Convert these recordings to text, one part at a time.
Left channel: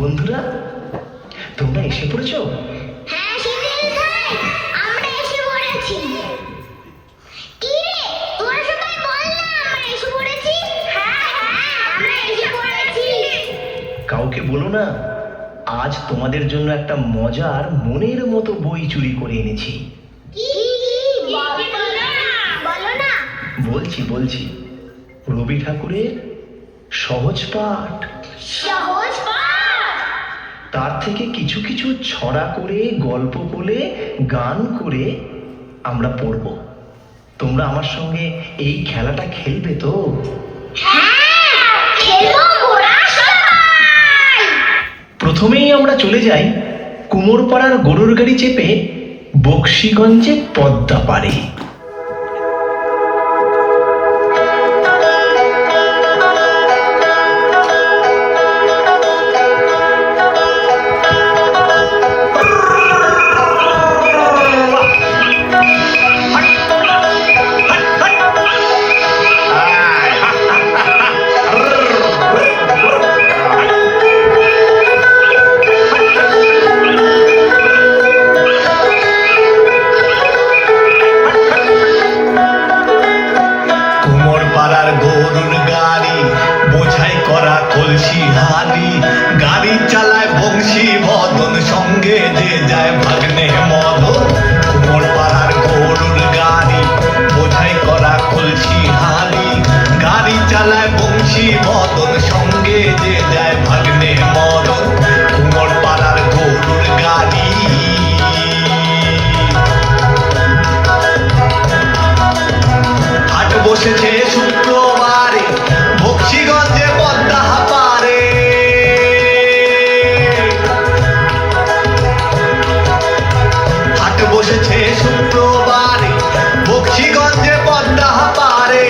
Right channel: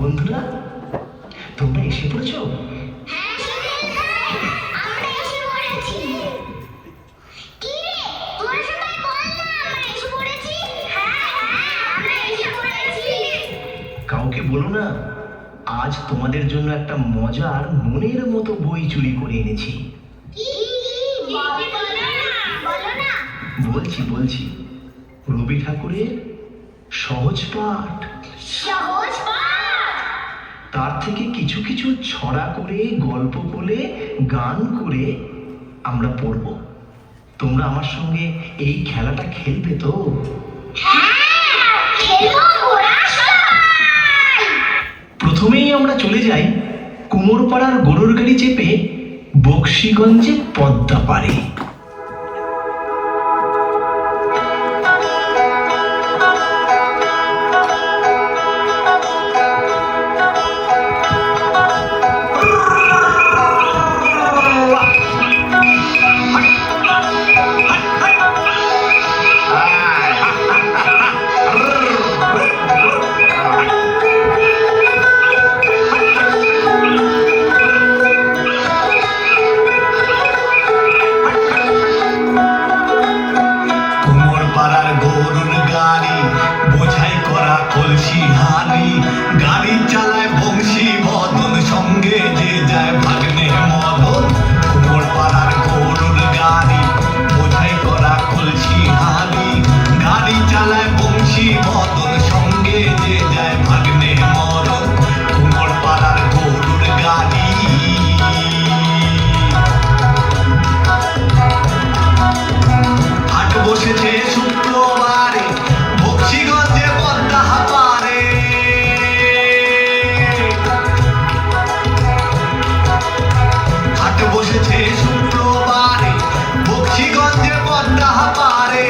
বন্ধুরা, তোমরা এসে পড়েছো? কাউকে বলো না, আজ তোমাদের জন্য একটা মজার মনের মতো বই চুরি করে এনেছি। বলছি বলছি রবি ঠাকুরের সহজ পাঠ। তার থেকে কিছু কিছু ছড়া করে, গল্প বলে, গান করে আমরা পড়ব। তোমরা আমার সঙ্গে এই খেলাটা খেলবে তো? প্রথমেই আমরা চলে যাই কুমোরপাড়ার গরুর গাড়ি চেপে বক্সিগঞ্জে পদ্মা পাড়ে। গাড়ি চালায় বংশী মদন, সঙ্গে যে যায় ভাগ্নে মদন। কুমোর পাড়ার গরুর গাড়ি, বোঝাই করা কলসি হাড়ি। গাড়ি চালায় বংশী মদন, সঙ্গে যে যায় ভাগ্নে মদন। কুমোর পাড়ার গরুর গাড়ি। হাট বসেছে শুক্রবারে বক্সিগঞ্জে পদ্মা পারে। বসেছে শুক্রবারে বক্সিগঞ্জে পদ্মা পারে।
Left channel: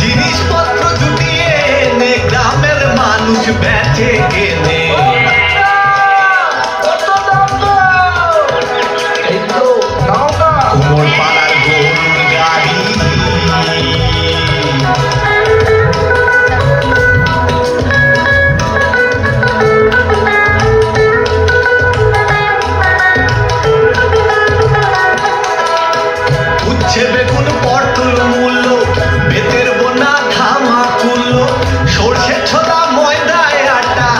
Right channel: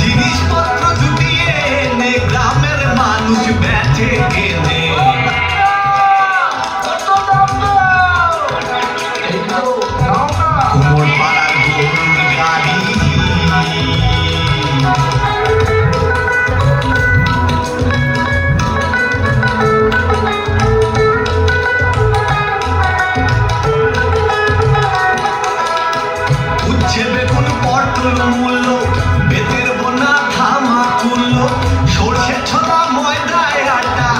জিনিসপত্র জুটিয়ে এনে গ্রামের মানুষ বেঁচে গেলে। কুমোর পাড়ার গরুর গাড়ি। বেগুন পটল মূল্য, বেতের বোনা ধামা তুলল। সর্ষে ছোড়া ময়দায় আটা,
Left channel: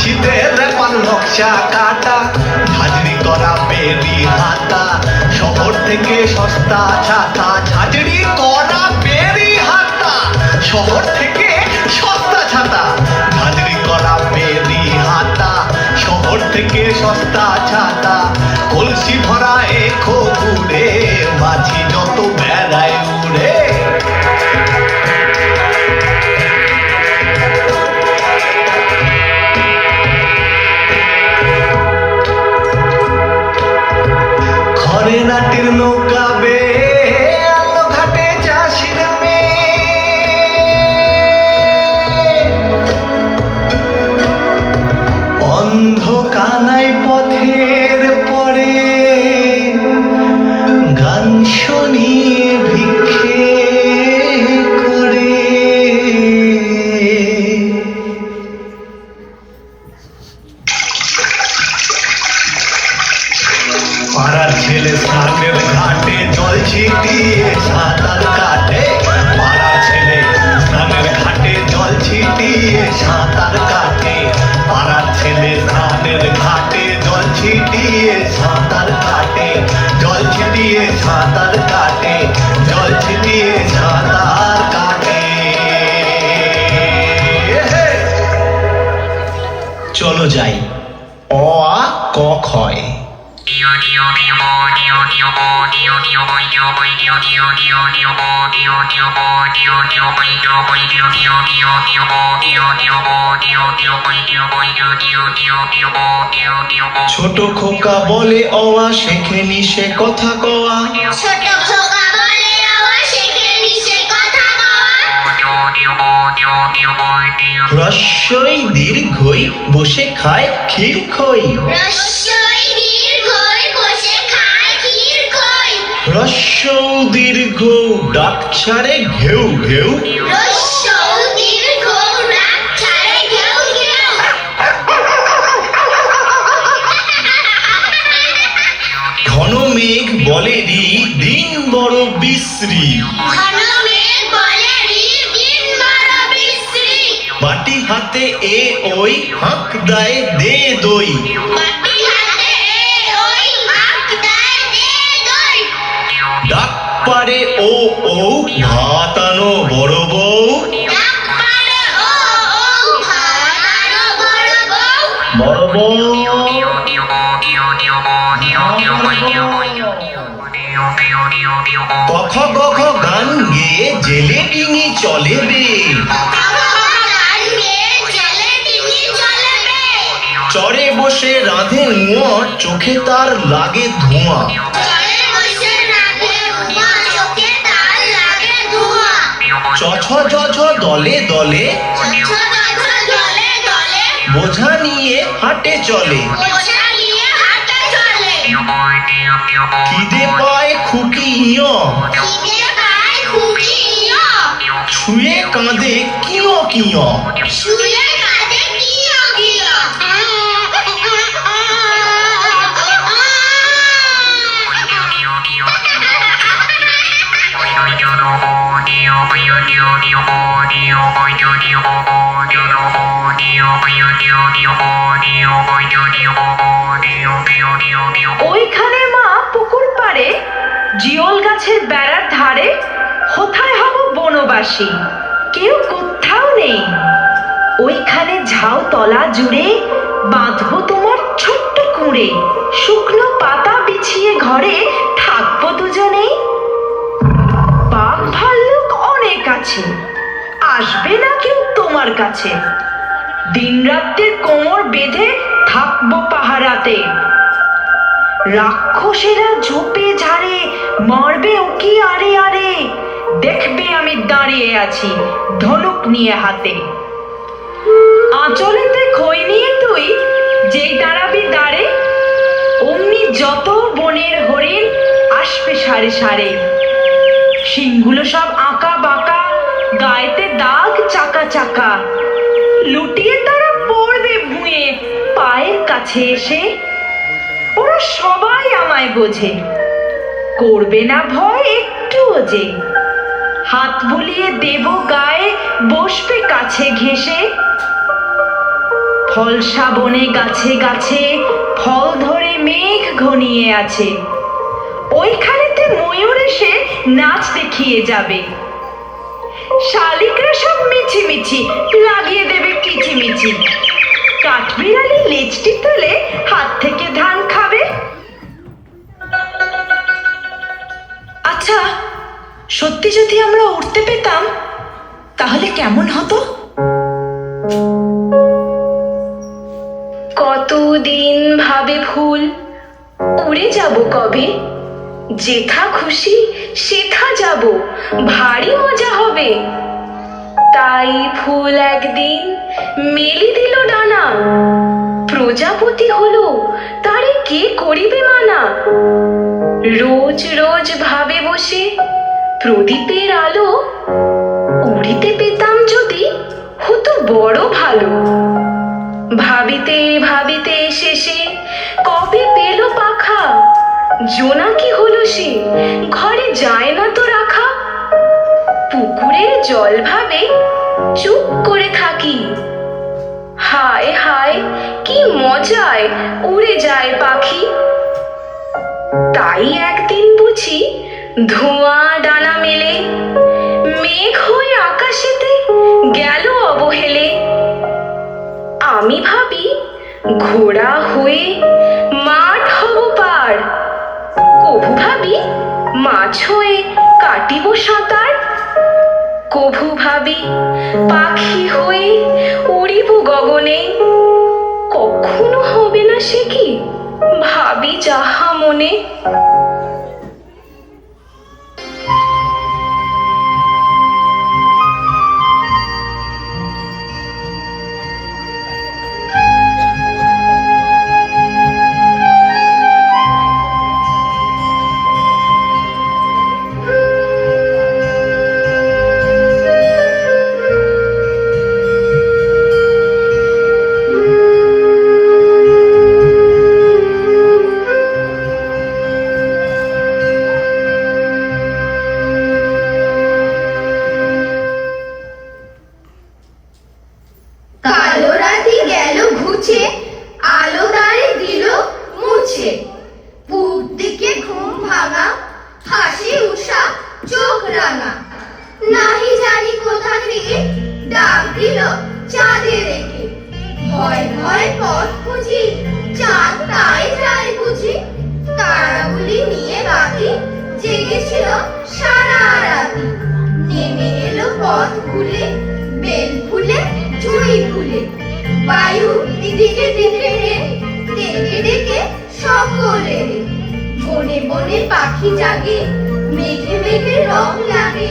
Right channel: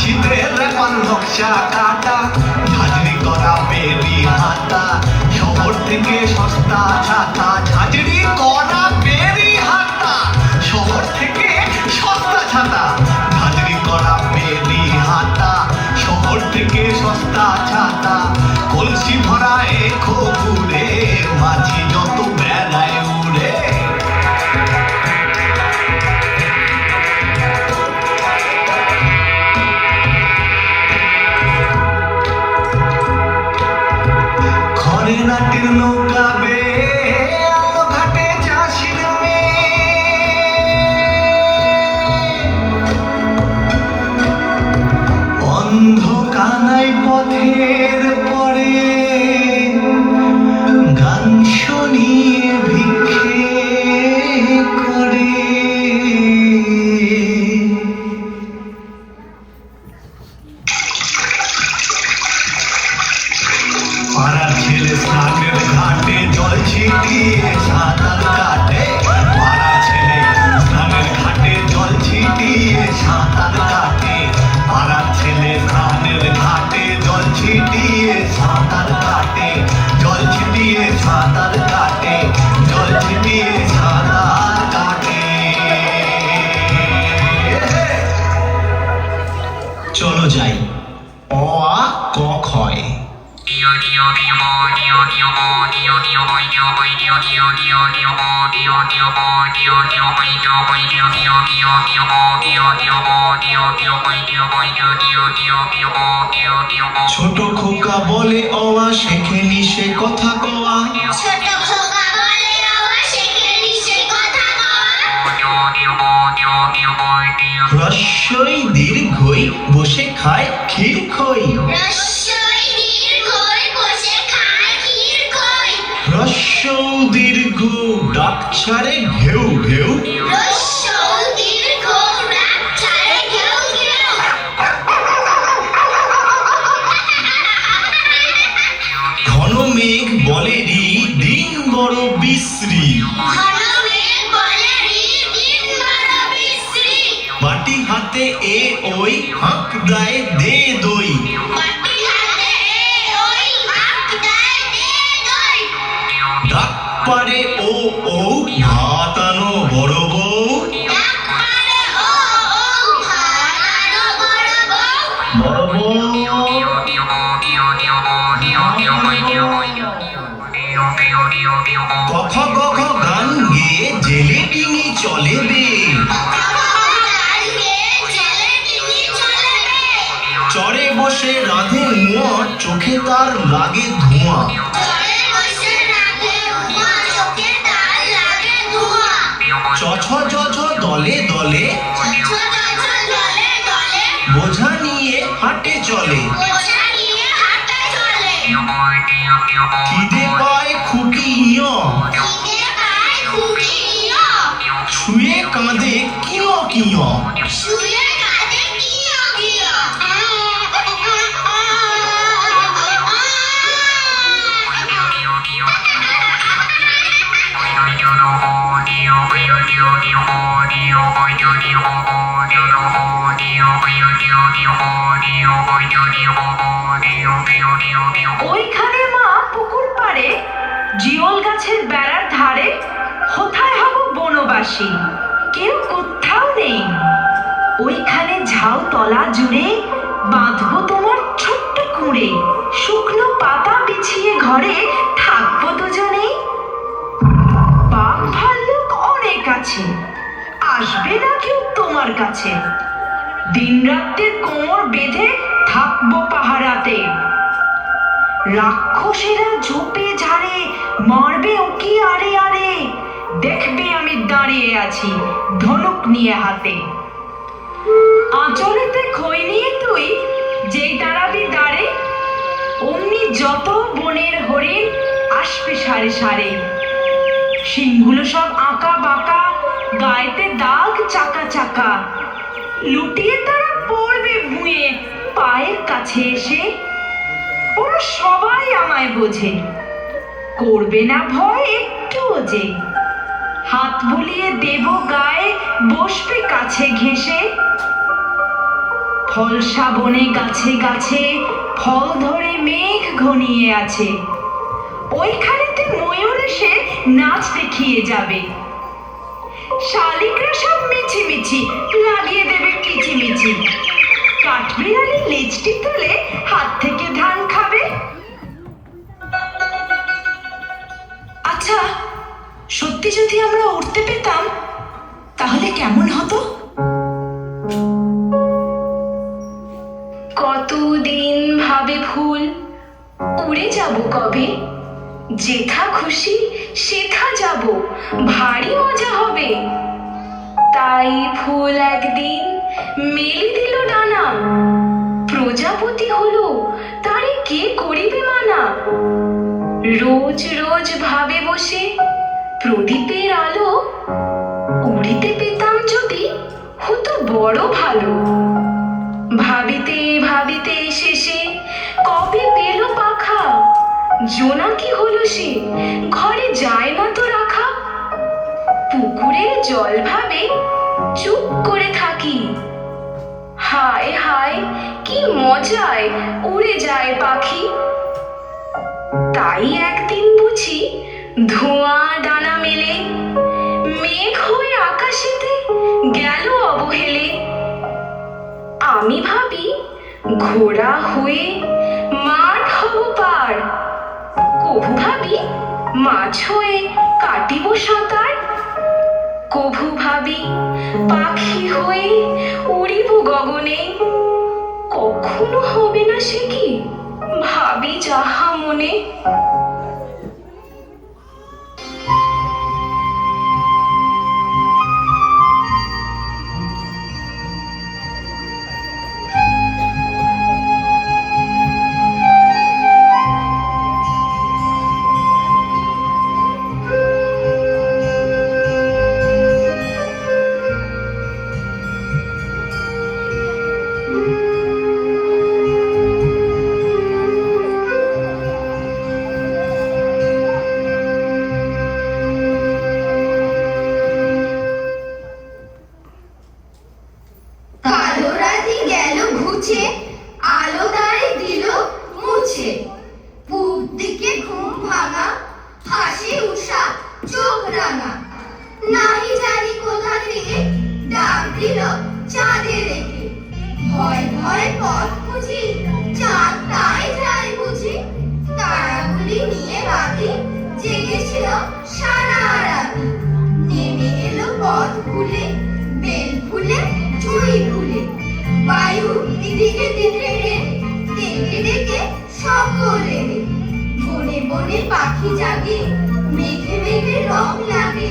শীতের রেপার নকশা কাটা। ঝাঁঝরি করা বেরি হাতা, শহর থেকে সস্তা ছাতা। ঝাঁঝরি করা বেরি হাতা, শহর থেকে সস্তা ছাতা। ঝাঁঝরি করা বেরি হাতা, শহর থেকে সস্তা ছাতা। কলসি ভরা এখো দূরে, মাঝি যত বেড়ায় উড়ে। ঘরে নাটের নৌকা বেয়ে আলো ঘাটে চাষির মেয়ে। অন্ধ কানাই পথের পরে গান শুনিয়ে ভিক্ষে করে। পাড়ার ছেলে স্নানের ঘাটে জল ছিটিয়ে সাঁতার কাটে। পাড়ার ছেলে স্নানের ঘাটে জল ছিটিয়ে সাঁতার কাটে। পাড়ার ছেলে স্নানের ঘাটে জল ছিটিয়ে সাঁতার কাটে। জল ছিটিয়ে সাঁতার কাটে, জল ছিটিয়ে সাঁতার কাটে। চলো যাই, অ আ ক ক্ষয়। ছোট খোকা বলে অওয়া, শেখেনি সে কথা কওয়া। রস্যই দীর্ঘই বসে খায় ক্ষীর খই। রস্য দীর্ঘ ডাক ছাড়ে ঘেউ ঘেউ। বলেরি দিন বড় বিশ্রী বাটি হাতে এ ওই হাঁক দেয় দে দই ডাক পারে ও ও ভাত আনো বড় বউ বড় বউ কখ কখ গান গেয়ে জেলে ডিঙি চলে বে চরে বসে রাধে নোয়া চোখে তার লাগে ধোঁয়া চছ ঝ দলে দলে বোঝা নিয়ে হাটে চলে খিদে পায় খুকি ইয় শুয়ে কাঁদে কিয় কিয় ওইখানে মা পুকুর পাড়ে জিওল গাছের বেড়ার ধারে কোথায় হব বনবাসী কেউ কোথাও নেই ওইখানে ঝাউ তলা জুড়ে বাঁধবো তোমার ছোট্ট কুঁড়ে শুকনো পাতা বিছিয়ে ঘরে থাকবো দুজনেই বাঘ ভাল্লুক অনেক আছে আসবে না কেউ তোমার কাছে দিন রাত্রির কোমর বেঁধে থাকবো পাহারাতে রাক্ষসেরা ঝোপে ঝাড়ে মারবে ওকি আরে আরে দেখবে আমি দাঁড়িয়ে আছি ধনুক নিয়ে হাতে আঁচলেতে খই নিয়ে তুই যেই দাঁড়াবি দাঁড়ে অমনি যত বনের হরিণ আসবে সারে সারে শিংগুলো সব আঁকা বাঁকা গায়েতে দাগ চাকা চাকা লুটিয়ে তারা পড়বে ভুঁয়ে পায়ের কাছে এসে ওরা সবাই আমায় বোঝে করবে না ভয় একটুও যে হাত বুলিয়ে দেব গায়ে বসবে কাছে ঘেঁষে ফলসা বনে গাছে গাছে ফল ধরে মেঘ ঘনিয়ে আছে ওইখানেতে ময়ূর এসে নাচ দেখিয়ে যাবে শালিকরা সব মিছিমিছি লাগিয়ে দেবে কিচিমিচি কাঠবিড়ালি লেজটি তুলে হাত থেকে ধান খাবে আচ্ছা সত্যি যদি আমরা উঠতে পেতাম তাহলে কেমন হতো কতদিন ভাবে ফুল উড়ে যাব কবে যেথা খুশি সেথা যাব ভারী মজা হবে তাই ফুল একদিন মেলি দিল ডানা প্রজাপতি হলো তারে কে করিবে মানা রোজ রোজ ভাবে বসে প্রদীপের আলো উড়িতে পেতাম যদি হতো বড় ভালো ভাবিতে ভাবিতে শেষে কবে পেল পাখা জোনাকি হলো সে ঘরে যায় না তো রাখা পুকুরের জল ভাবে চুপ করে থাকি হায় হায় কি মজায় উড়ে যায় পাখি তাই একদিন বুঝি ধোঁয়া ডানা মেলে মেঘ হয়ে আকাশেতে গেল অবহেলে আমি ভাবি ঘোড়া হয়ে মাঠ হব পার কভু ভাবি মাছ হয়ে কাটিব সাঁতার কভু ভাবি পাখি হয়ে উড়িব গগনে কখনো হবে না সে কি ভাবি যাহা মনে রেড়ে ডেকে ডেকে সকলে বনে বনে পাখি জাগে মেঘে মেঘে রং লাগে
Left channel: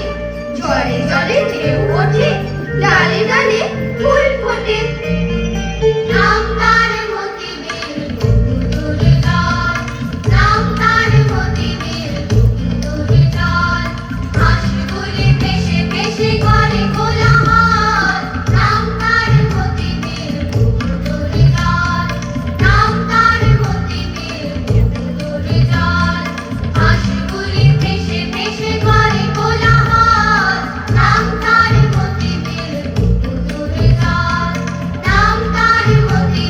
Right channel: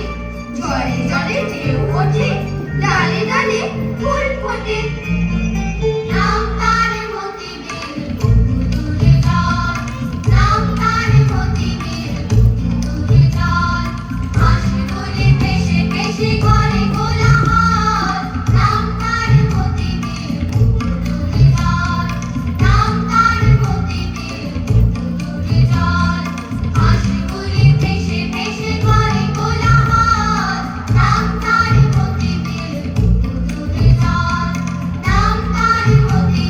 জলে জলে ঢেউ ওঠে ডালে ডালে ফুল ফোটে নাম তার মতিবের বুকুরে জল নাম তার মতিবের বুকুরে জল হাসিগুলি ভেসে ভেসে করে কোলাহল নাম তার মতিবের বুকুরে জল নাম তার মতিবের বুকুরে জল হাসিগুলি ভেসে ভেসে করে কোলাহল নাম তার মতিবের বুকুরে জল নাম তার মতিবের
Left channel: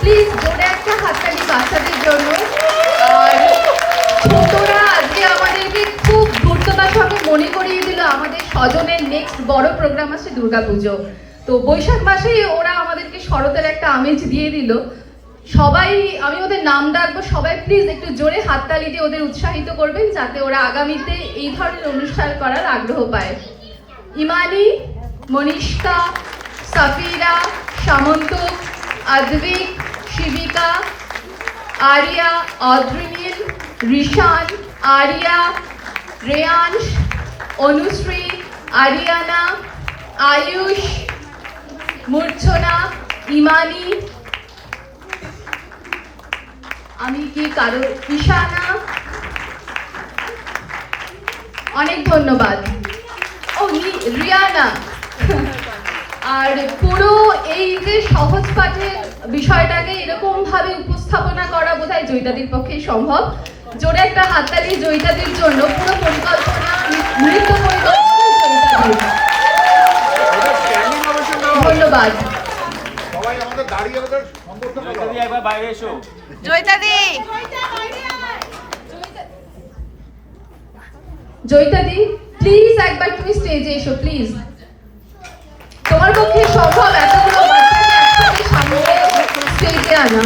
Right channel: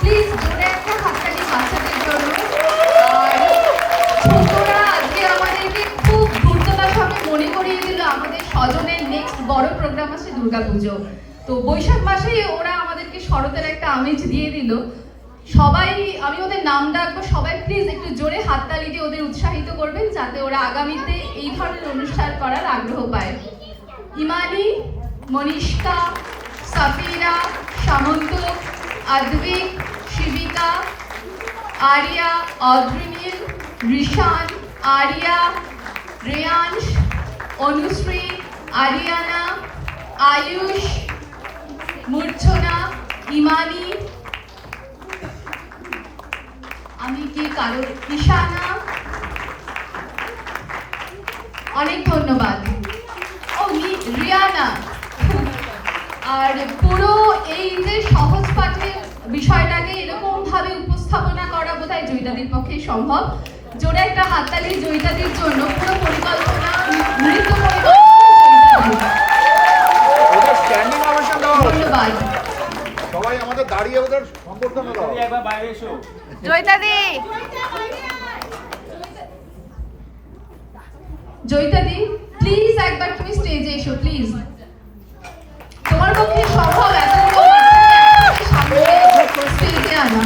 প্লিজ জোরে একটা হাততালি বাচ্চাদের জন্য। আর ছোটরা আজকে আমাদেরকে খুব গুরুত্বভাবে মনে করিয়ে দিল আমাদের স্বজনের নেক্সট বড় প্রোগ্রাম আছে দুর্গাপুজো। তো বৈশাখ মাসেই ওরা আমাদেরকে শরতের একটা আমেজ দিয়ে দিল। সবাই, আমি ওদের নাম ডাকবো, সবাই প্লিজ একটু জোরে হাততালি দিয়ে ওদের উৎসাহিত করবেন যাতে ওরা আগামীতে এই ধরনের অনুষ্ঠান করার আগ্রহ পায়। ইমানি, মনীষকা, সাফিরা, সামন্ত, আদ্বিক, শিবিকা, আরিয়া, অদ্রিনীল, রিশান, আরিয়া, রেয়াংশ, অনুশ্রী, আরিয়ানা, আয়ুষ, মূর্ছনা, ইমানি, আমি কি কারো, ঈশানা, অনেক ধন্যবাদ। ও রিয়ানা। আর পুরো এই যে সহজ পাঠের বিষয়টাকে এরকম ভাবে উপস্থাপনা করা বোধহয় জয়িতাদির পক্ষেই সম্ভব। জোরে একটা হাততালি জয়িতাদির জন্য। পুরো পরিকল্পনা নৃত্য ধন্যবাদ। সবাই আমাদের দাঁড়িয়ে ওদের সম্পর্ক একবার বাইরে এসো। জয়িতাদি, জয়িতাদি প্লিজ একবার তুমি স্টেজে এসো প্লিজ। তোমার পক্ষে সম্ভব এতগুলো বাচ্চাকে একসাথে সামনে স্টেজে আনো।